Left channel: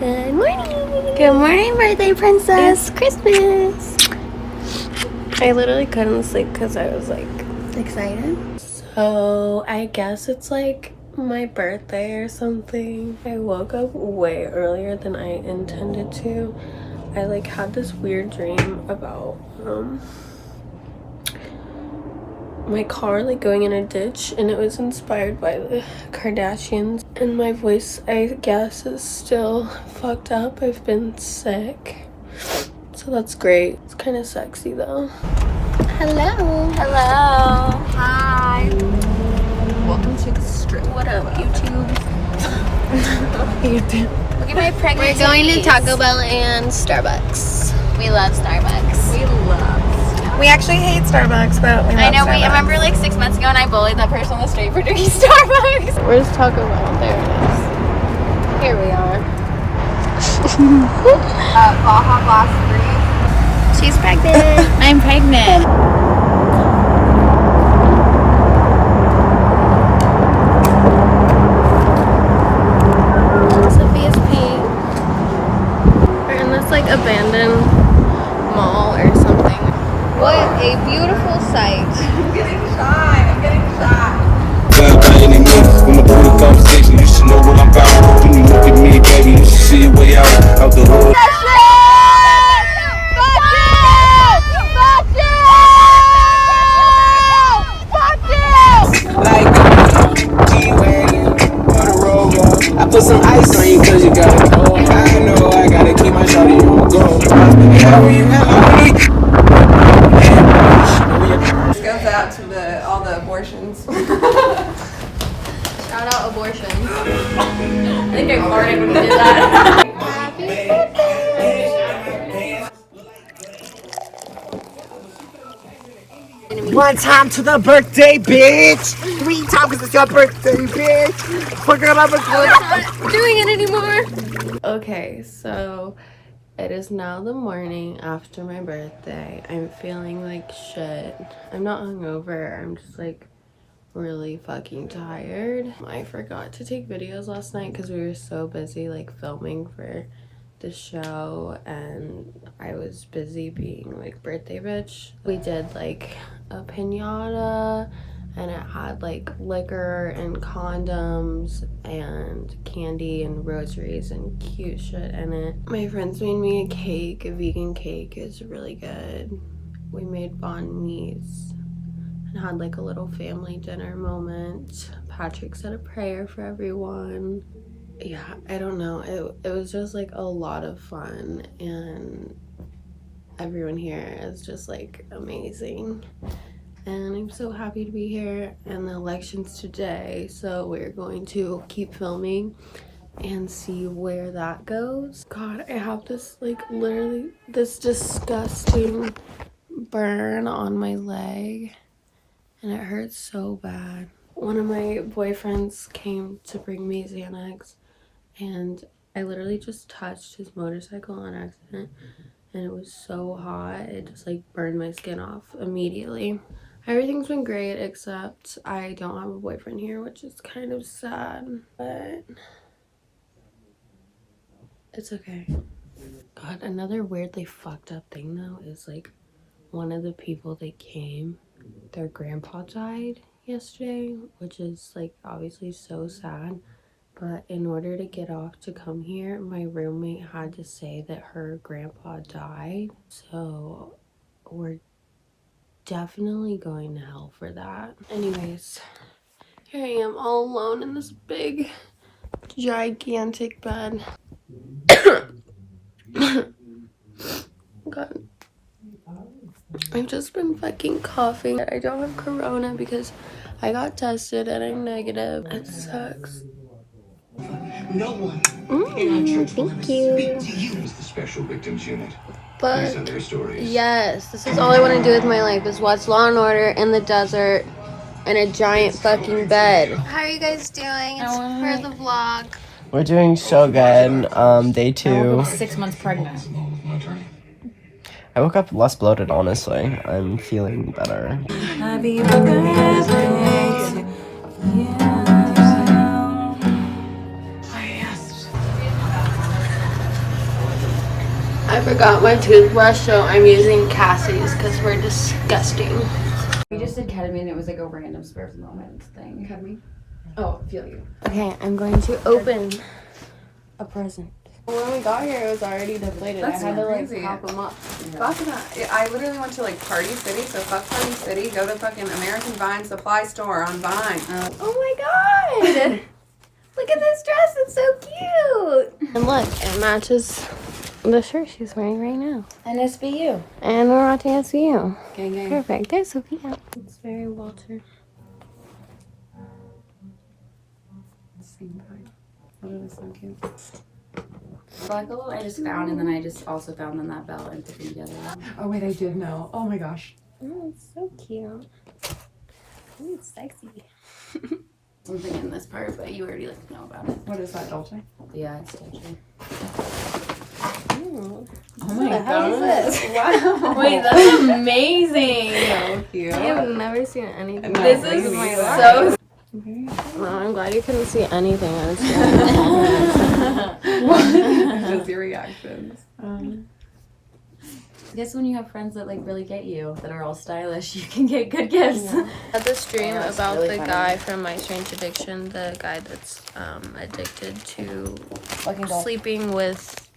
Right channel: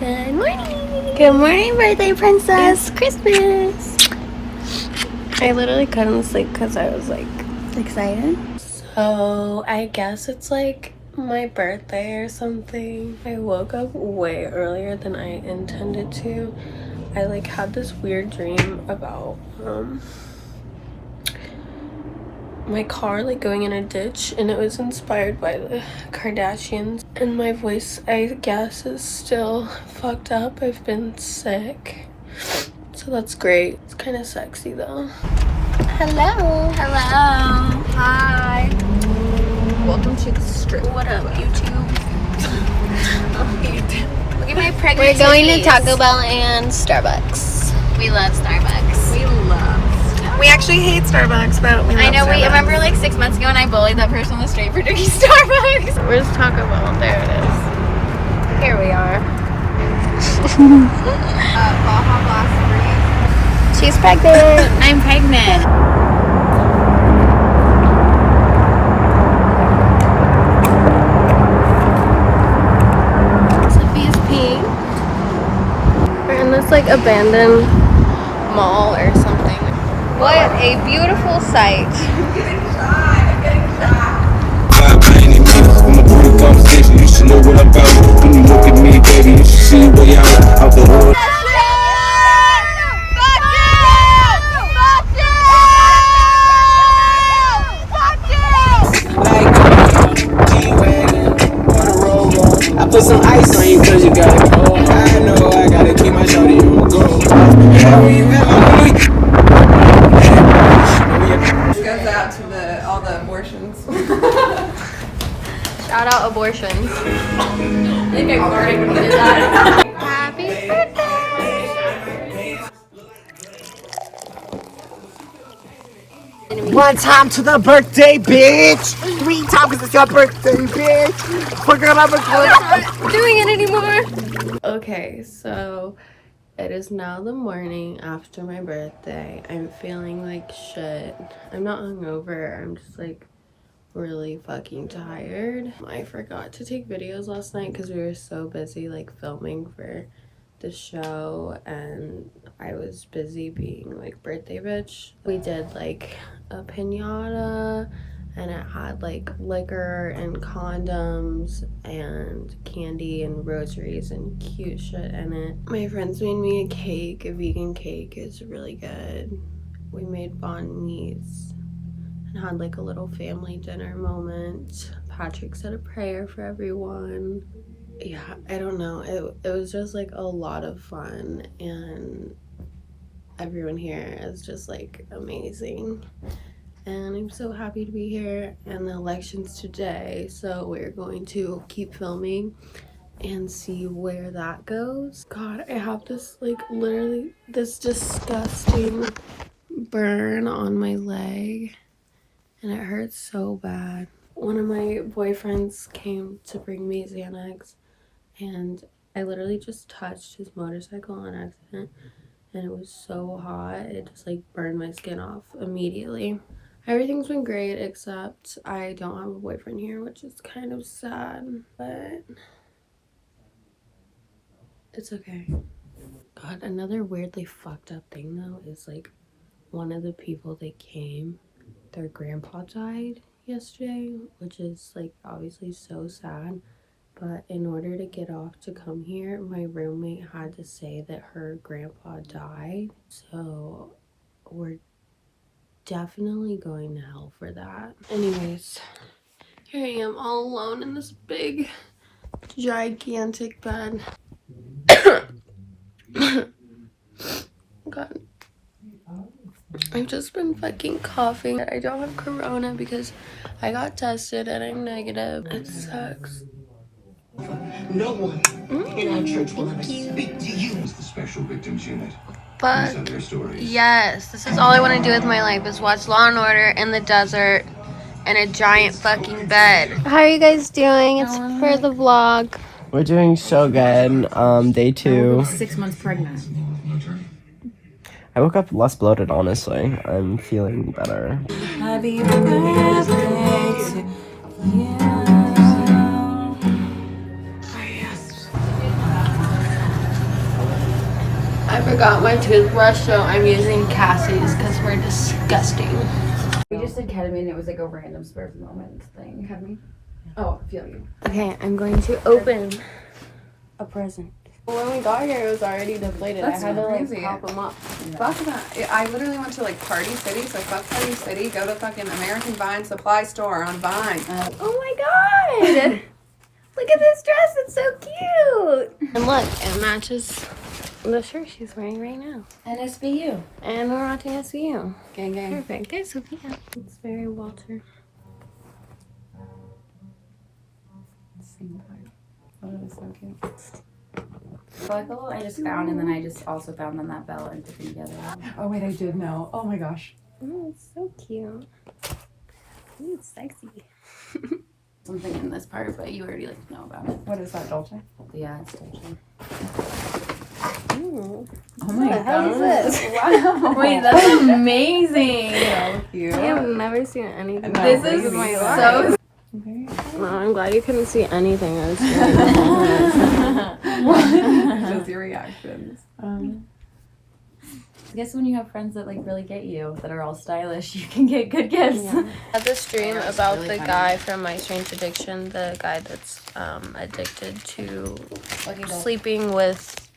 Good morning. Good morning, birthday princess. It's Christmas. I literally couldn't sleep because I was like excited. So I guess it's like my birthday or something. I woke up way earlier than I intended to. I like had this weird dream about my car like going in a ditch, and it was inspired by the Kardashians. And my voice, I guess, is still fucked up. I've been sick, so that's great. It's kind of sexy though. Hello. Hi. Welcome to the strip. What up, YouTube? Look at my pregnant We're going to titties. Taco Bell and Starbucks. We love Starbucks. We actually hate Starbucks, but we love I know. Starbucks. We remember like 6 months ago, and I bullied that person on the street for drinking Starbucks. Where's Taco Bell? There it is. Here we are. Baja Blast Freeze. She's pregnant. I'm pregnant. Sophia's peeing. We're in this like abandoned mall or something. What a beautiful sight. I'm getting shot. By any means, when the police conversation, you should know what I'm about. When you look at me, baby, you should see it way out the hood. I put some ice on you cause you got it cold. I know I gotta keep my shorty on go. This goes out to all the abortions. Shout out abortion. I think I farted when you did that. Happy birthday. One time to the birthday, bitch. 3 times because it's your birthday, bitch. We're gonna have a Not doing it anymore. Okay, so it is now the morning after my birthday. I'm feeling like shit. I'm not hungover. I'm just like really fucking tired. I forgot to take videos last night because we were so busy like filming for the show, and I was busy being like birthday bitch. We did like a piñata, and it had like liquor and condoms and candy and rosaries and cute shit in it. My friends made me a cake, a vegan cake. It's really good. We made banh mi's and had like a little family dinner moment. Patrick said a prayer for everyone. Yeah, I don't know. It was just like a lot of fun, and everyone here is just like amazing. And I'm so happy to be here. And the election's today, so we're going to keep filming and see where that goes. God, I have this like literally this disgusting burn on my leg, and it hurts so bad. One of my boyfriends came to bring me Xanax, and I literally just touched his motorcycle on accident, and it was so hot it just like burned my skin off immediately. Everything's been great except I don't have a boyfriend here, which is kind of sad, but it's okay. God, another weirdly fucked up thing though is like one of the people that came, their grandpa died yesterday, which is like obviously so sad. But in order to get off to come here, my roommate had to say that her grandpa died. So we're definitely going to hell for that. Anyways, here I am all alone in this big, gigantic bed. God. I've just been fucking coughing. I don't have corona because I got tested and I'm negative. It sucks. No one in our church will ever Thank you. speak to you as the special victims unit. But These are their stories. yes, this is all I want to do with my life is watch Law and Order in the desert in a giant fucking bed. How are you guys doing? It's for the vlog. We're doing so good. Day 2. 6 months pregnant. I woke up less bloated, honestly. I'm feeling better. Happy birthday to you. I forgot my toothbrush, so I'm using Cassie's because we're disgusting. We just did ketamine. It was like a random spur of the moment thing. Ketamine? Oh, I feel you. Okay, I'm going to open a present. When we got here, it was already deflated. That's I had to like crazy. pop them up. Fuck that. I literally went to like Party City, so fuck Party City. Go to fucking American Vine Supply Store on Vine. Oh my god! Look at this dress, it's so cute! And look, it matches the shirt she's wearing right now. And SVU. And we're watching SVU. Gang, gang. Perfect. There's Sophia. It's very Walter. Same time. Oh, that's so cute. I like the little I just found, and then I just also found on that belt and put them together. Oh wait, I did know. Oh my gosh. Oh, it's so cute. Ooh, it's sexy. Something in this part, but you already like know about it. What is that, Dolce? Yeah, it's touching. Ooh. Oh my What the hell is this? Wow. Wait, that's amazing. So cute. I have never seen anything like This this is in my so life. No, I'm glad you couldn't see anything I was doing. Just your reactions. I guess when you have friends that like really get you, that are all stylish, you can get good gifts. I had this dream Yeah, it's about really the funny. guy from My Strange Addiction, the guy that's addicted to sleeping with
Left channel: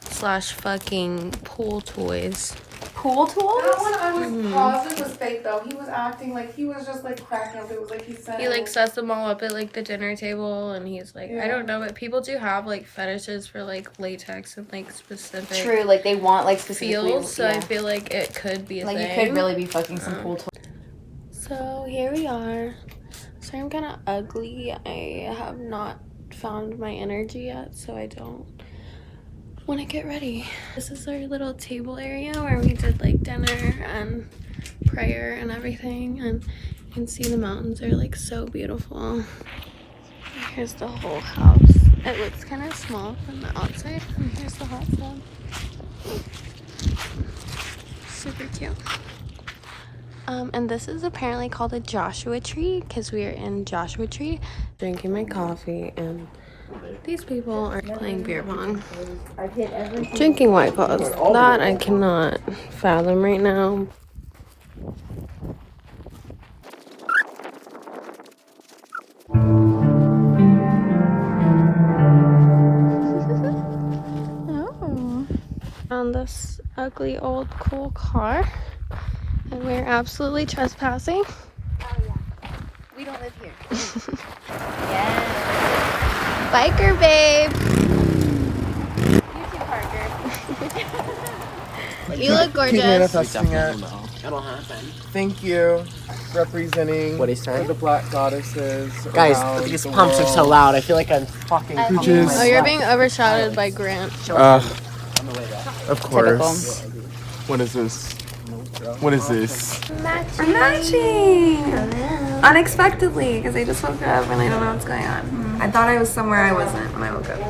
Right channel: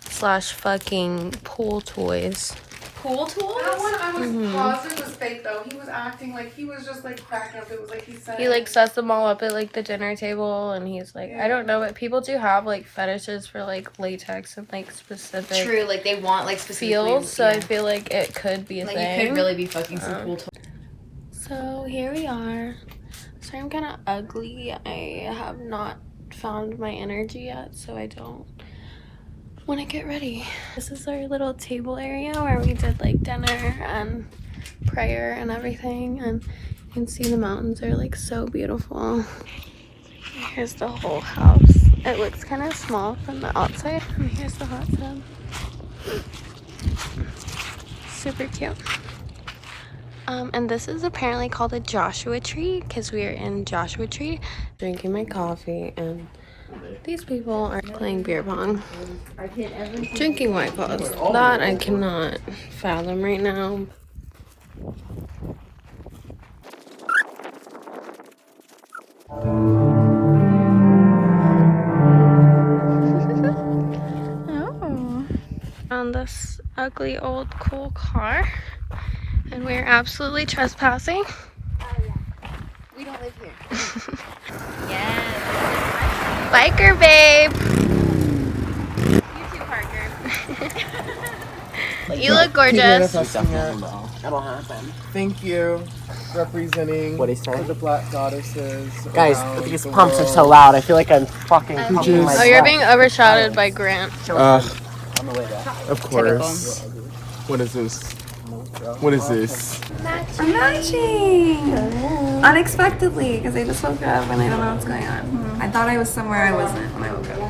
/ fucking pool toys. Pool tools? That one I was positive was fake though. He was acting like he was just like cracking up. It was like he said. He like sets them all up at like the dinner table, and he's like, I don't know, but people do have like fetishes for like latex and like specific True, like they want like specifically feels, so I yeah. feel like it could be a Like thing. you could really be fucking some pool tools. So here we are. So I'm kind of ugly. I have not found my energy yet, so I don't want to get ready. This is our little table area where we did like dinner and prayer and everything, and you can see the mountains are like so beautiful. Here's the whole house. It looks kind of small from the outside, and here's the hot tub. Super cute. And this is apparently called a Joshua tree because we are in Joshua tree. Drinking my coffee, and these people are playing beer pong. Drinking White Claws. That I cannot fathom right now. Oh. Found this ugly old cool car, and we're absolutely trespassing. We don't live here. Biker babe. You look gorgeous. Manifesting it. That'll happen. Thank you. Representing What is that? the black goddesses. Guys, around these the pumps are world. so loud. I feel like I'm fucking. Cooches. Oh, you're being overshadowed by Grant. Of course. What is this? What is this? We're matching! Unexpectedly, because I just woke up and I don't know what's going on. I thought I was somewhere I wasn't when I woke up.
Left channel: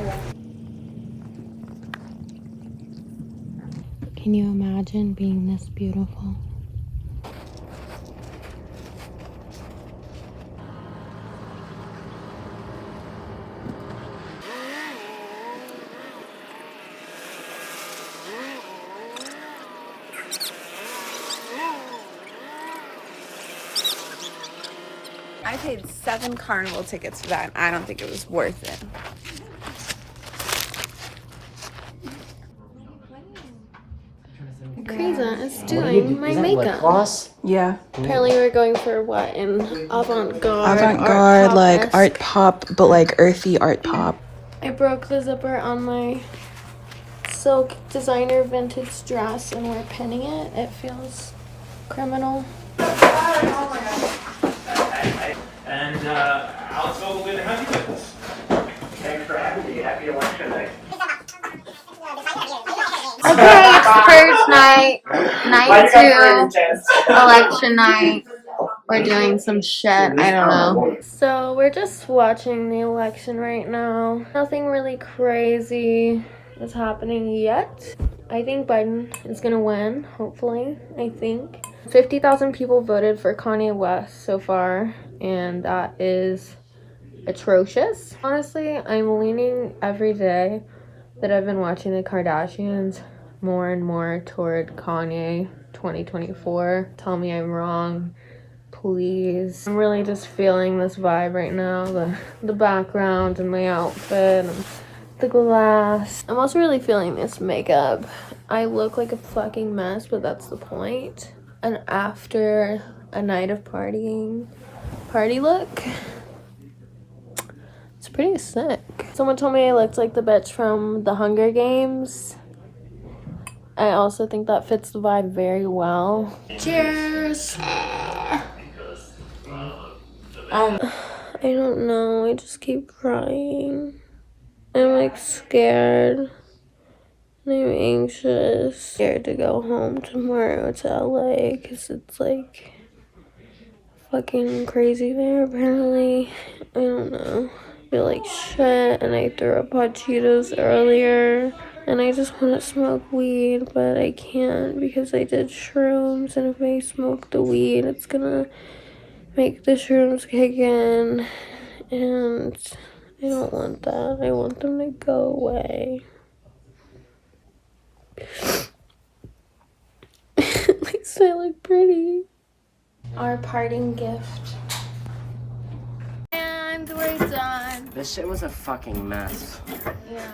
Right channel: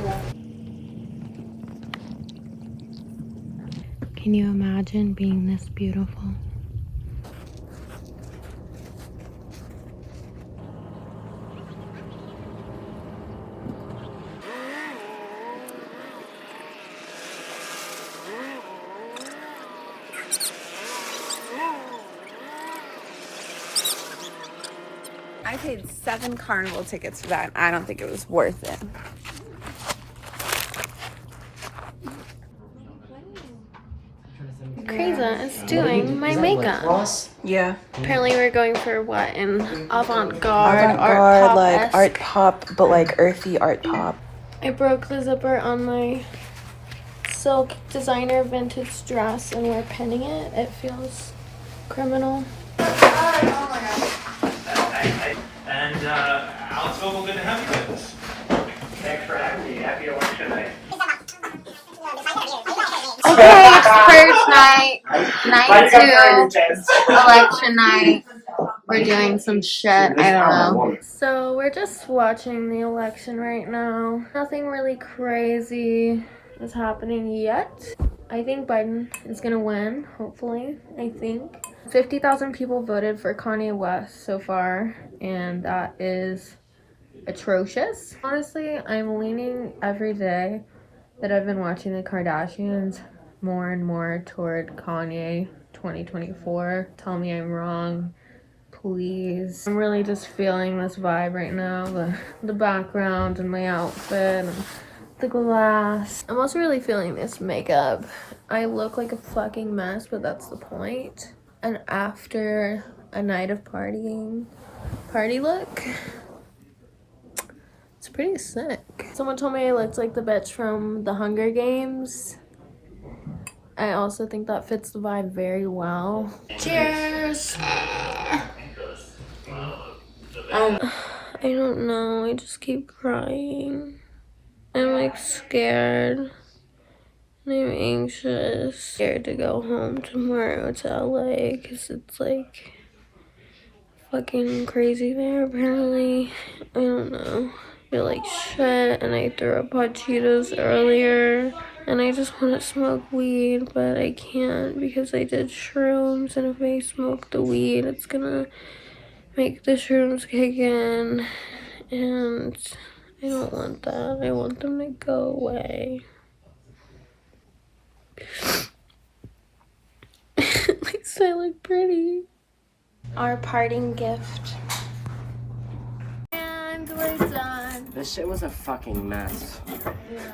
Can you imagine being this beautiful? I paid 7 carnival tickets for that. I don't think it was worth it. Krisa is doing my makeup. Yeah. Apparently we're going for what? An avant-garde art pop like art pop, but like earthy art pop. I broke the zipper on my silk designer vintage dress, and we're pinning it. It feels criminal. And Alex Vogel, good to have you with us. Thanks for having me. Happy election night. Okay, it's purge night. Night 2. Election night. We're doing some shit. I don't know. So we're just watching the election right now. Nothing really crazy is happening yet. I think Biden is gonna win, hopefully, I think. 50,000 people voted for Kanye West so far, and that is atrocious. Honestly, I'm leaning every day that I've been watching the Kardashians more and more toward Kanye 2024. Tell me I'm wrong, please. I'm really just feeling this vibe right now. The background and my outfit and the glass. I'm also really feeling this makeup. I look like a fucking mess, but that's the point. And after a night of partying, party look, it's pretty sick. Someone told me I looked like the bitch from the Hunger Games. I also think that fits the vibe very well. Cheers! I don't know, I just keep crying. I'm like scared. I'm anxious. Scared to go home tomorrow to LA because it's like fucking crazy there apparently. I don't know. I feel like shit and I threw up hot Cheetos earlier and I just want to smoke weed but I can't because I did shrooms and if I smoke the weed it's gonna make the shrooms kick in and I don't want that. I want them to go away. At least I look pretty. Our parting gift. And we're done. This shit was a fucking mess. Yeah.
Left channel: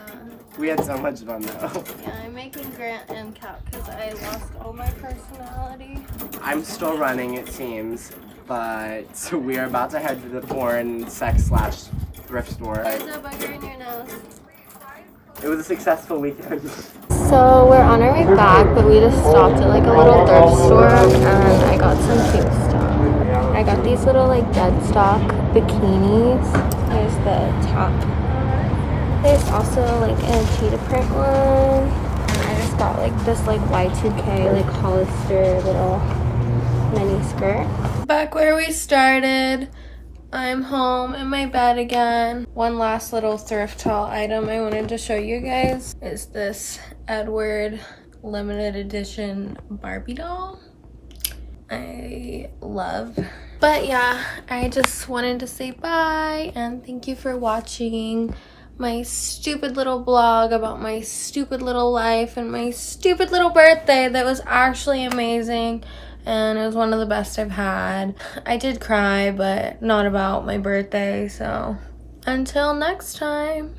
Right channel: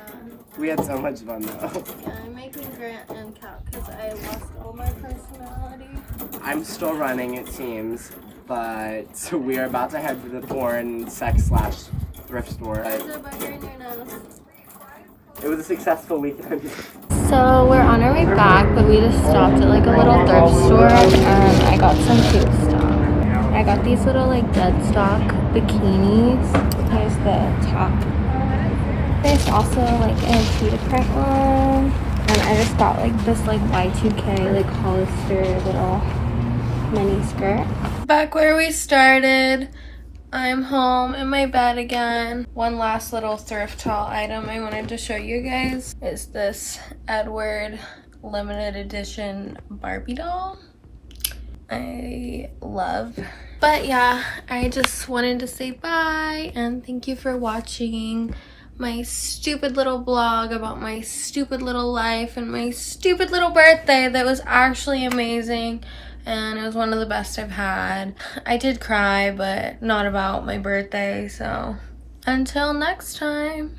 We had so much fun though. Yeah, I'm making Grant and Cat because I lost all my personality. I'm still running, it seems, but we are about to head to the porn sex slash thrift store. There's a bugger in your nose. It was a successful weekend. So we're on our way back, but we just stopped at like a little thrift store and I got some cute stuff. I got these little like dead stock bikinis. Here's the top. There's also like a cheetah print one. And I just got like this like Y2K like Hollister little mini skirt. Back where we started. I'm home in my bed again. One last little thrift haul item I wanted to show you guys is this Edward limited edition Barbie doll. I love. But yeah, I just wanted to say bye and thank you for watching my stupid little blog about my stupid little life and my stupid little birthday that was actually amazing. And it was one of the best I've had. I did cry, but not about my birthday, so until next time.